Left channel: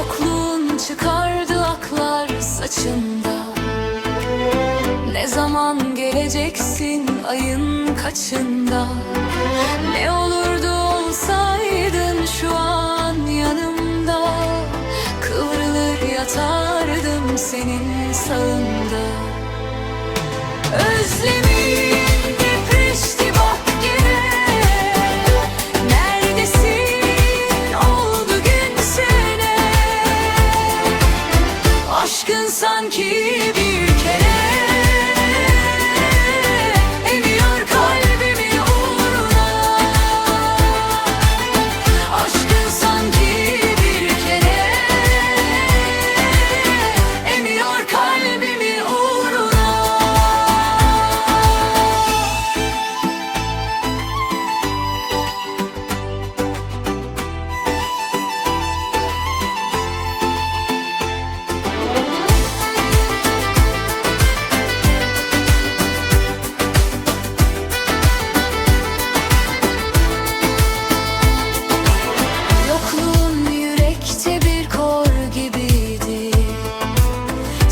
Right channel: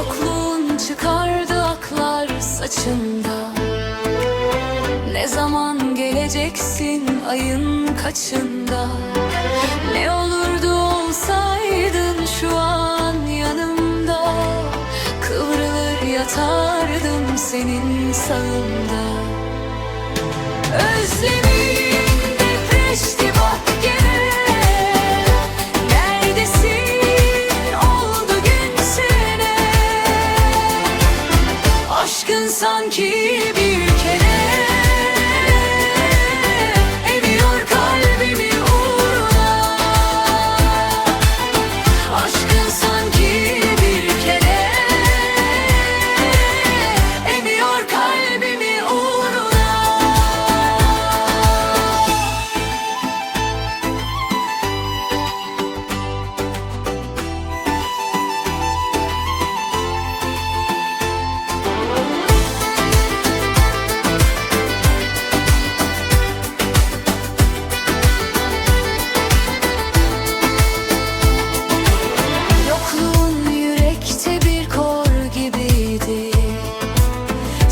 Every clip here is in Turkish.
Yokluğun çıkardı aklar saçında. Ne zaman geleceksin ayın kaçında? Ne olurdu olsaydın şu an yanımda. Kıvrılır yatardım senin sağında. Özlemi Aşkın sanki bir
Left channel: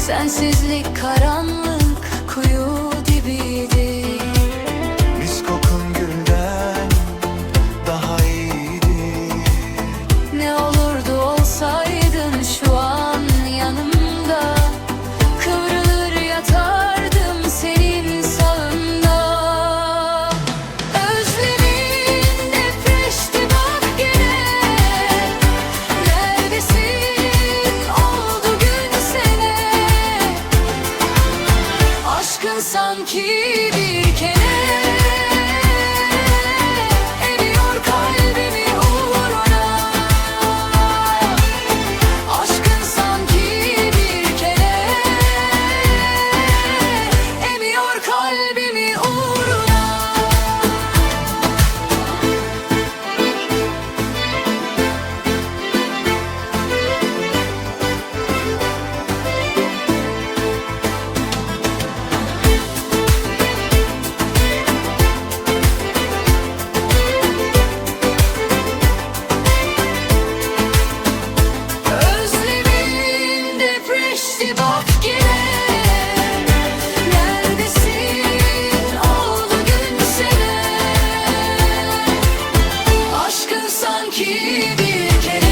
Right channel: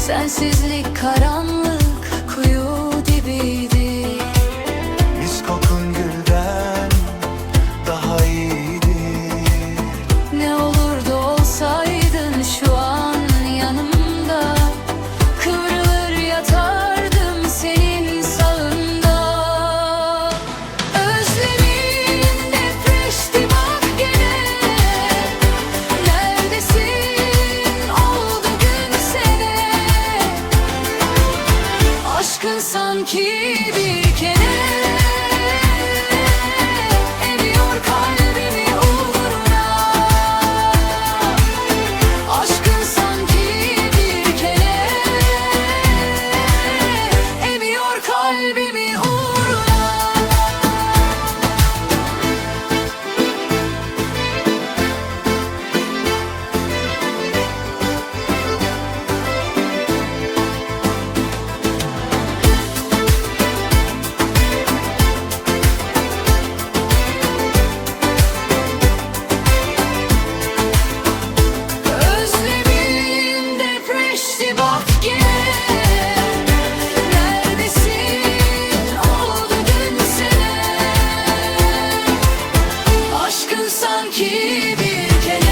Sensizlik karanlık kuyu dibiydi Aşkın sanki bir kene sanki bir kere.